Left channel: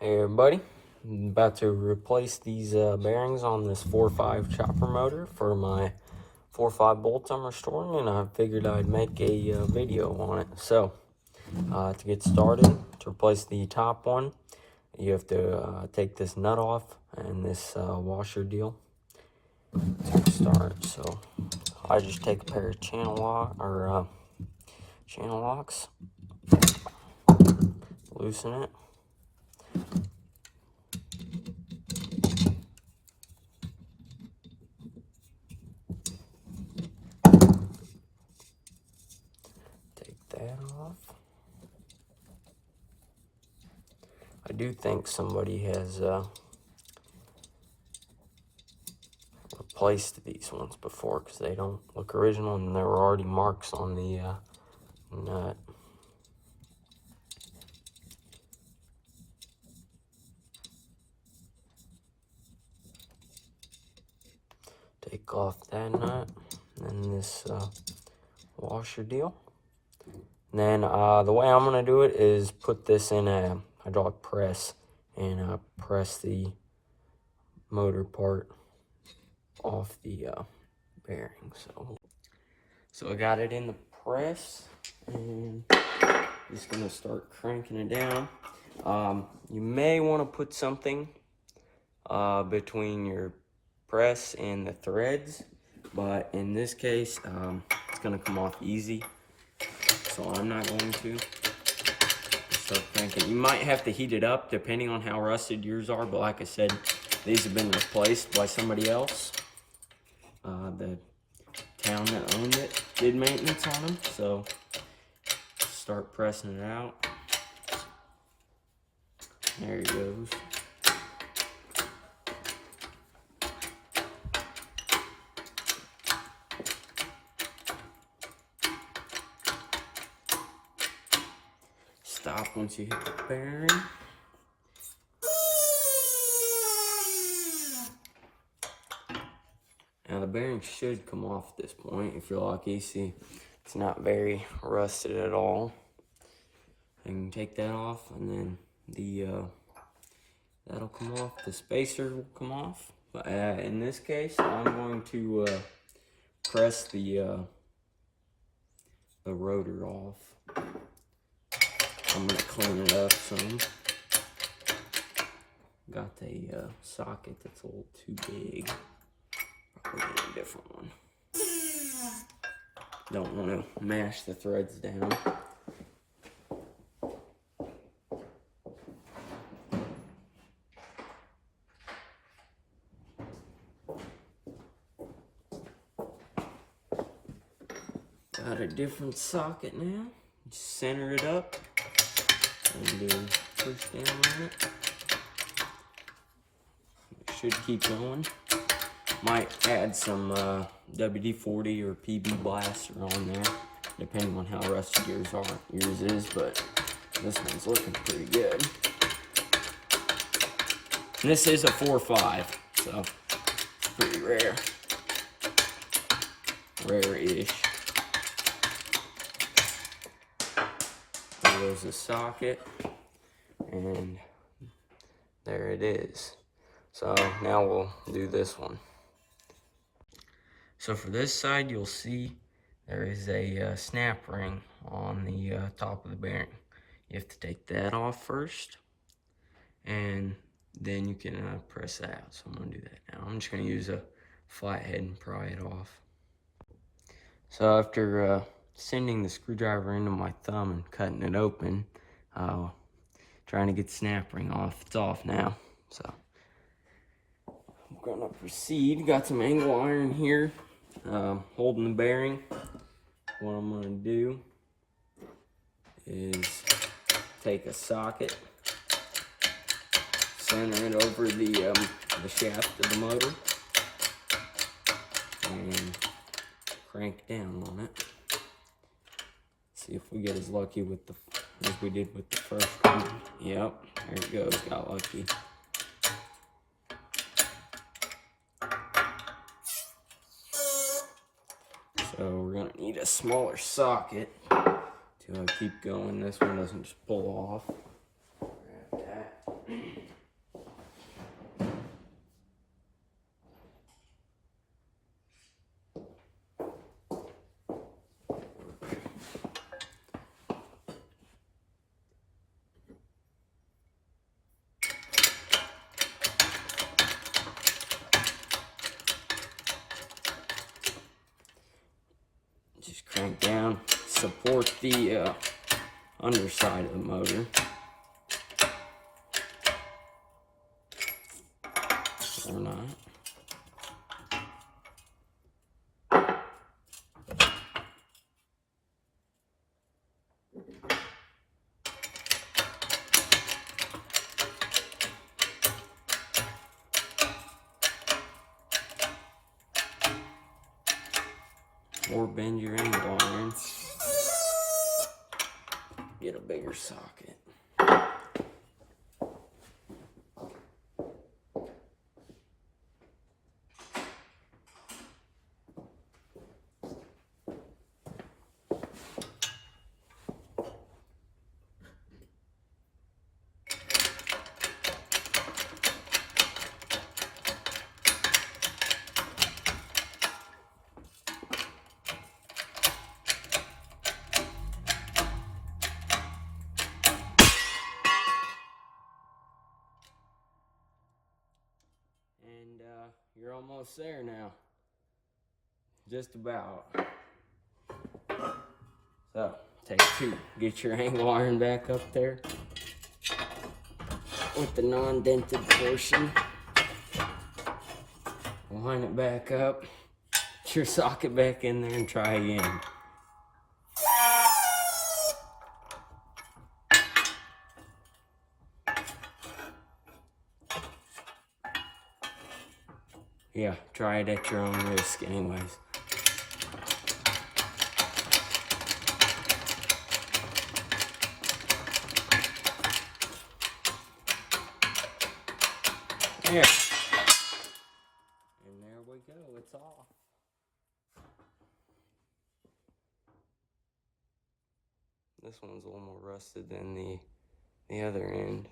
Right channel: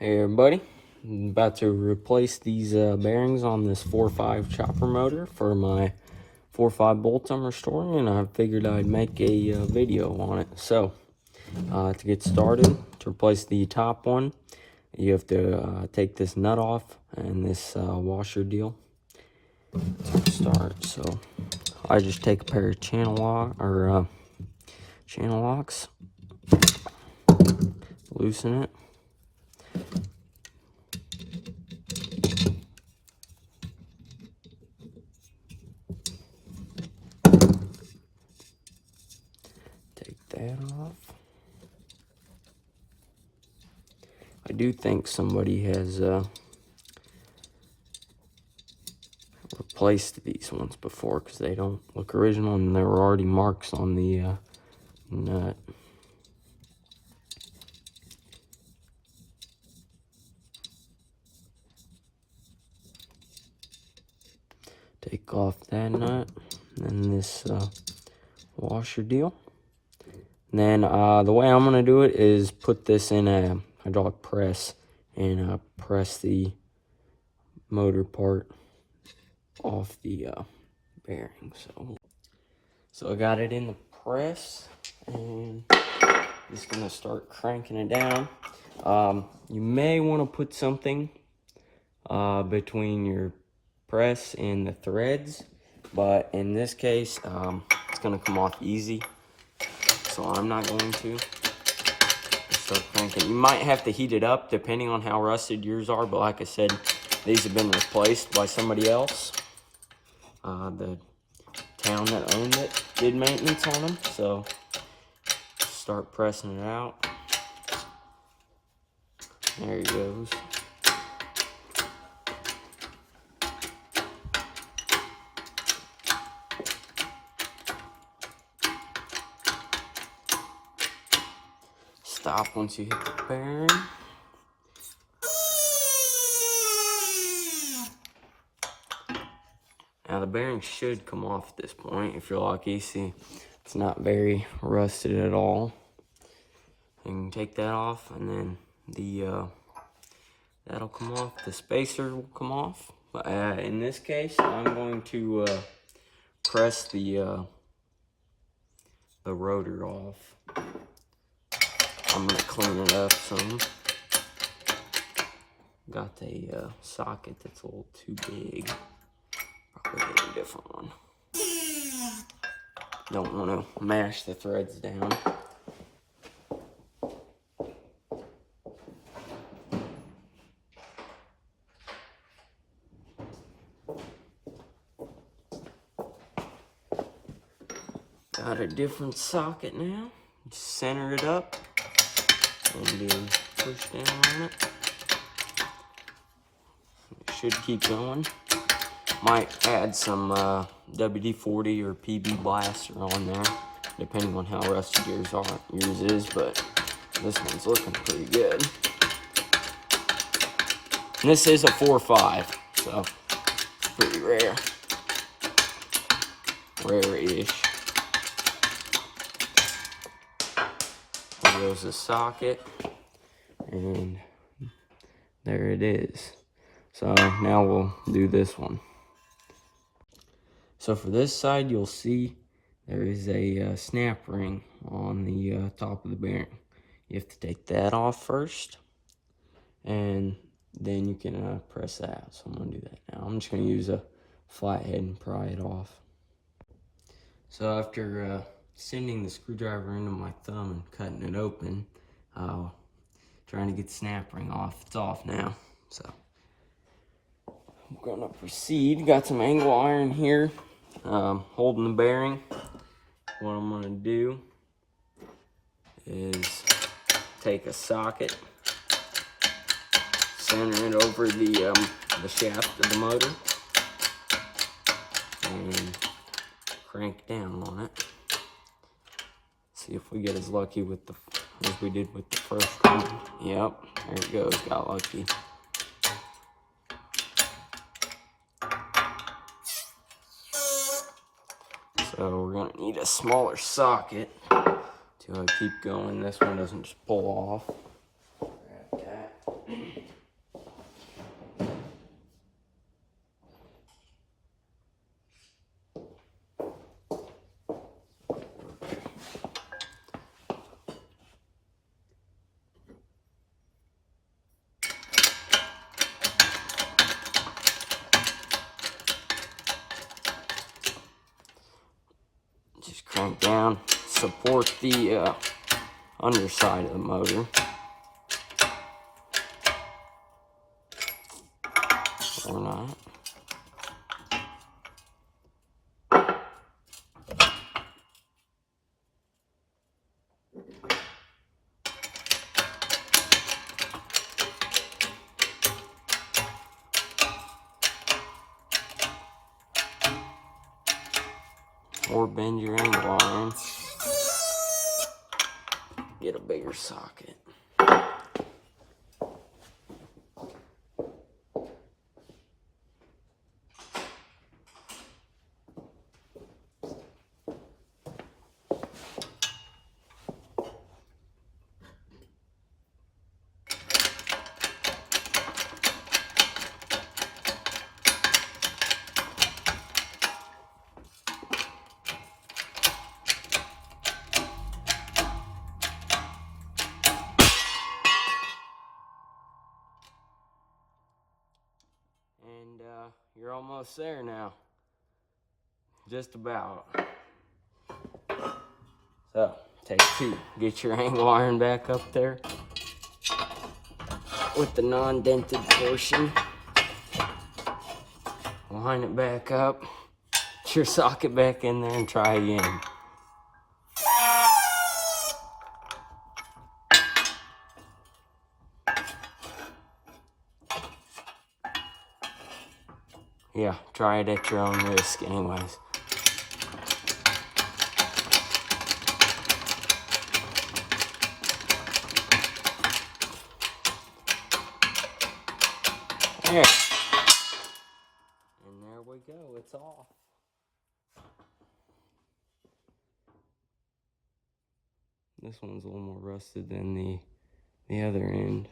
Hey everybody, I'm about to replace these bearings on this 4.5 chopper motor for my 4.5 bolts I'm restoring, and I figured I'd make a video on it. So to get started, to replace the top one, you have to take this nut off and this washer deal to start. So I just take a pair of channel locks, loosen it. Take that off. I do think somebody has replaced these ones before because they don't look original and there were already marks on the nut. Take off that nut and this washer deal. And then the way I'm going to do it is put this in a hydraulic press and press the motor part off the bearing. So I got it in the press and just going to start cranking it down. You may want to put something between your press and the threads, but in this case it's going to come off easy, so I'm not going to. Start cranking. You might have to heat it up depending on how rusted yours are, but like I said, these have been replaced by somebody else. The town that owned it did maintenance on them, so start pressing it out. There he goes. Stop once you hit the bearing. Now the bearing should come off at this point if you're lucky. See, it's not very rusted at all. You can take that off, and then the that'll come off. The spacer will come off. But in this case, I'm going to press the rotor off. I'm gonna clean it up some. Got a socket that's a little too big. Probably get a different one. Don't want to mash the threads down. Got a different socket now. Just center it up and push down on it. It should keep going. Might add some WD-40 or PB Blaster on there, depending on how rusty yours is, but this one's looking pretty good. And this is a 4.5, so it's pretty rare. Rare-ish. There's a socket, and there it is. So now we'll do this one. So for this side, you'll see there is a snap ring on the top of the bearing. You have to take that off first, and then you can press that out. So I'm going to do that now. I'm just going to use a flathead and pry it off. So after sending the screwdriver into my thumb and cutting it open, trying to get the snap ring off, it's off now. So I'm going to proceed. Got some angle iron here. Holding the bearing. What I'm going to do is take a socket, center it over the shaft of the motor, and crank down on it. See if we get as lucky with as we did with the first one. Yep, there it goes. Got lucky. So we're going to need a smaller socket to keep going. This one doesn't just pull off. Grab that. support the underside of the motor. Or not. Or bend your angle iron. Get a bigger socket. And you're almost there now. Just about. So, take two. Get your angle iron back up there with the non-dented portion. Line it back up. Get your socket back in there and try again. Yeah, try it at your own risk anyways. There. And there we go, it's off. This one's a little more rusted than the other end.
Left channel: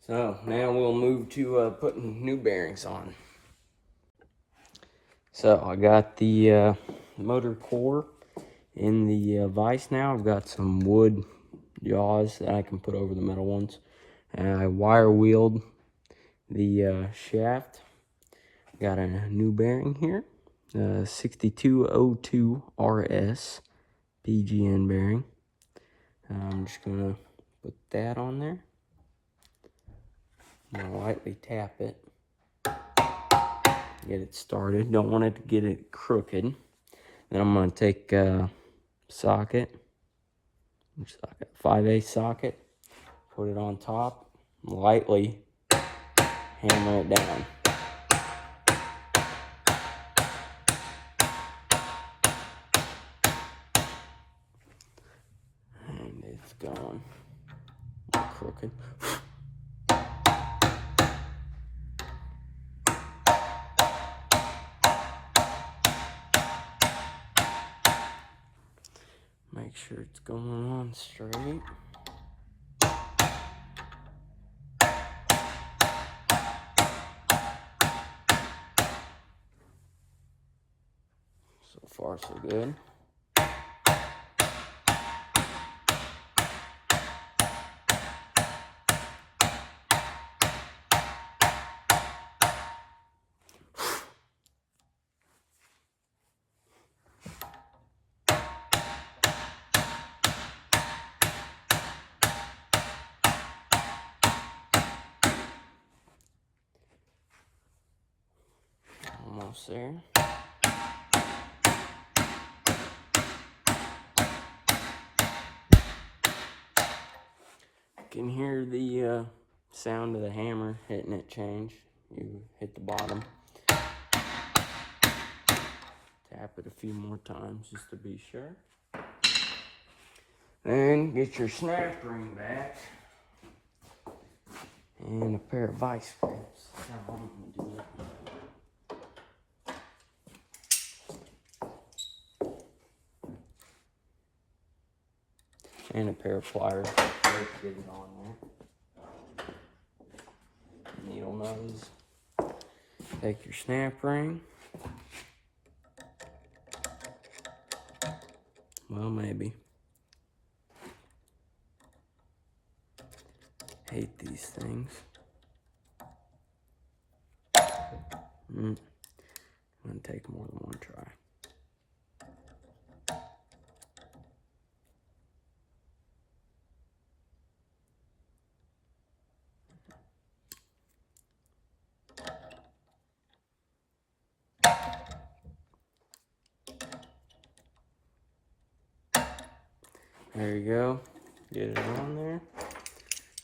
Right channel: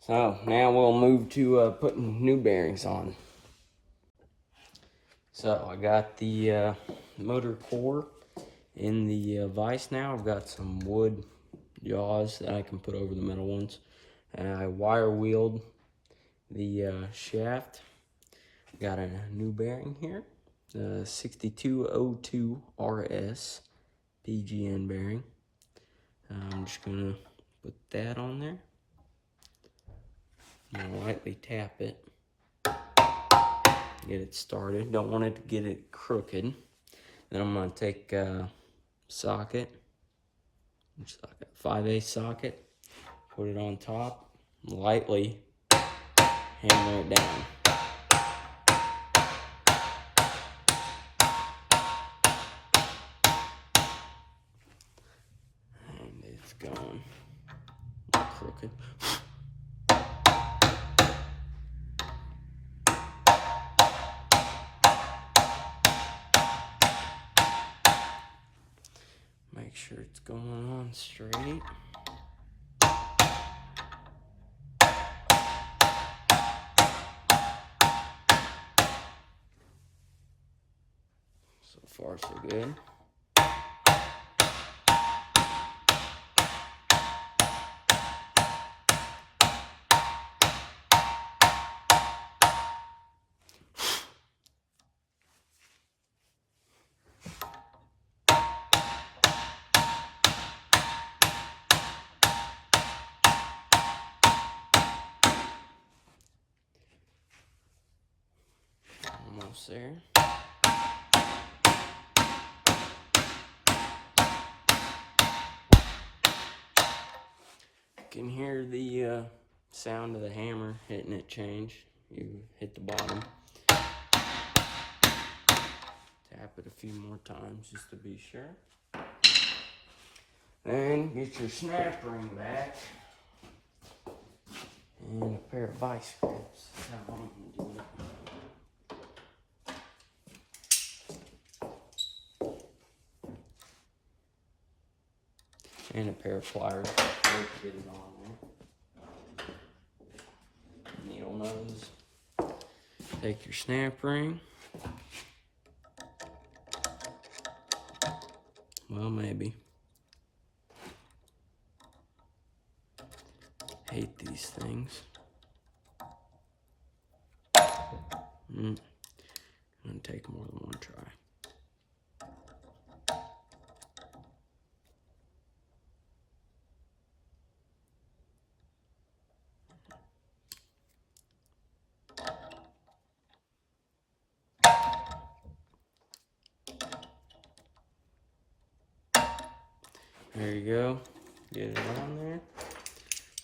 So now we'll move to putting new bearings on. So I got the motor core in the vise now. I've got some wood jaws that I can put over the metal ones. And I wire wheeled the shaft. Got a new bearing here, 6202 RS PGN bearing. I'm just gonna put that on there. I'm gonna lightly tap it, get it started. Don't want it to get it crooked. Then I'm gonna take a socket, 5/8 socket, put it on top, lightly hammer it down. And it's going crooked. Make sure it's going on straight. So far, so good. Almost there. You can hear the sound of the hammer hitting it change. You hit the bottom. Tap it a few more times just to be sure. Then get your snap ring back and a pair of vice grips. That's how I'm gonna do it. And a pair of pliers. Get it on there. Needle nose. Take your snap ring. Well, maybe. Hate these things. I'm gonna take more than one try. There you go. Get it on there.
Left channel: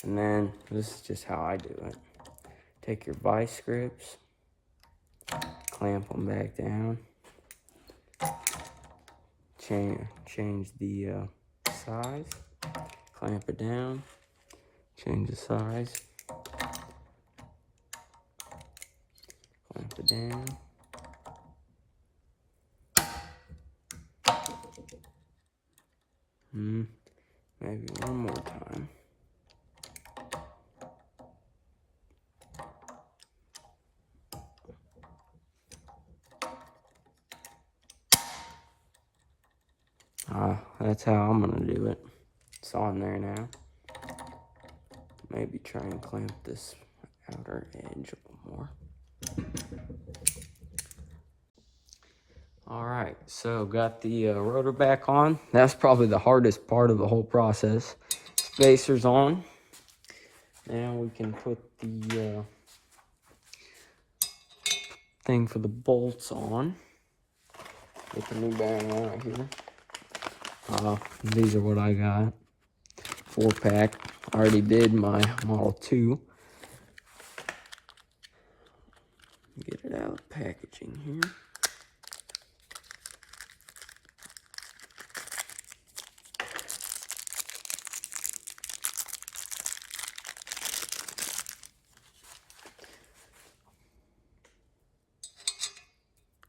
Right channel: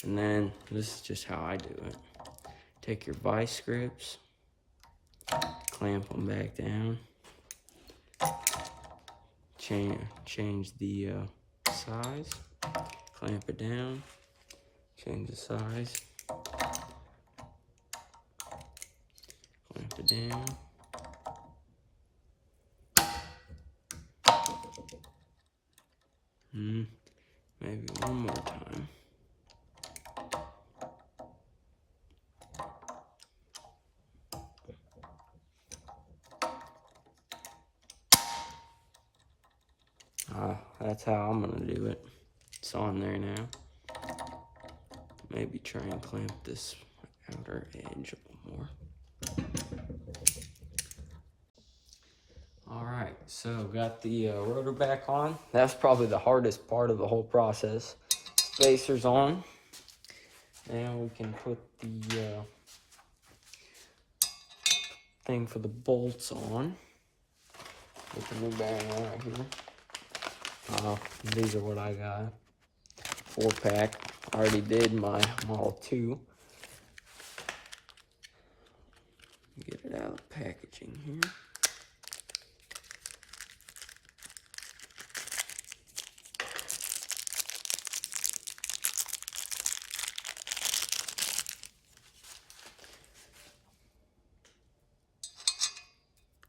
And then this is just how I do it. Take your vice grips, clamp them back down, change the size, clamp it down, change the size, clamp it down. Maybe one more time. That's how I'm gonna do it. It's on there now. Maybe try and clamp this outer edge a little more. All right, so got the rotor back on. That's probably the hardest part of the whole process. Spacer's on. Now we can put the thing for the bolts on. With the new bearing on right here. These are what I got. 4-pack. Already did my Model 2. Get it out of the packaging here.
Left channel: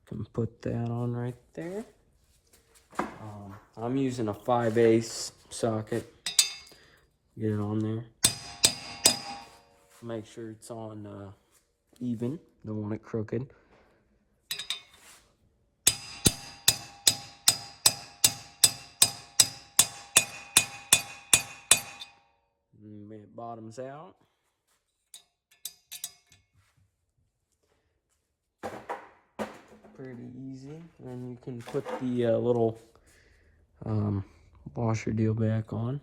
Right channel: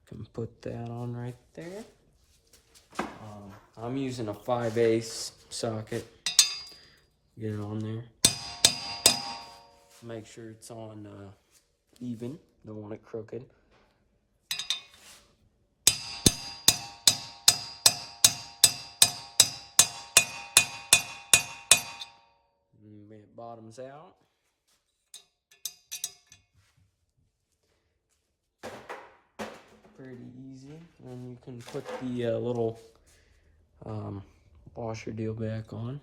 Can put that on right there. I'm using a 5/8 socket. Get it on there. Make sure it's on even. Don't want it crooked. And it bottoms out. Pretty easy. And then you can put the little washer deal back on.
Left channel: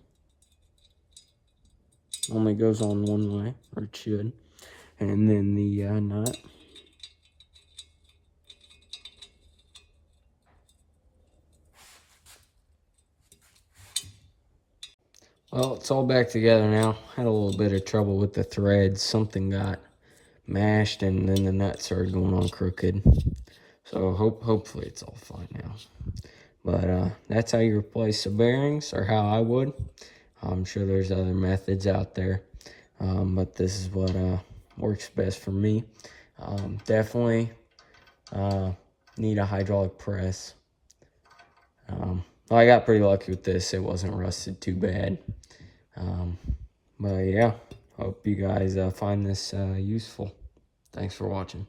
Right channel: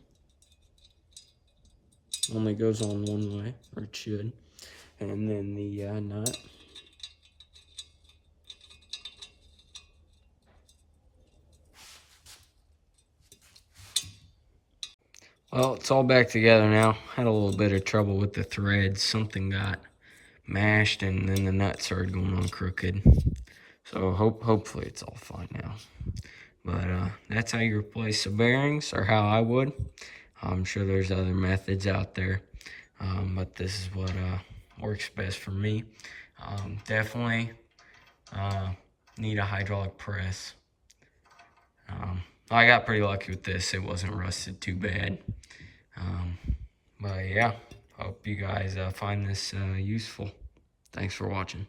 Only goes on one way, or it should. And then the nut. Well, it's all back together now. Had a little bit of trouble with the threads. Something got mashed and then the nut started going on crooked. So hopefully it's all fine now. But that's how you replace the bearings, or how I would. I'm sure there's other methods out there, but this is what works best for me. Definitely need a hydraulic press. I got pretty lucky with this. It wasn't rusted too bad. But yeah, hope you guys find this useful. Thanks for watching.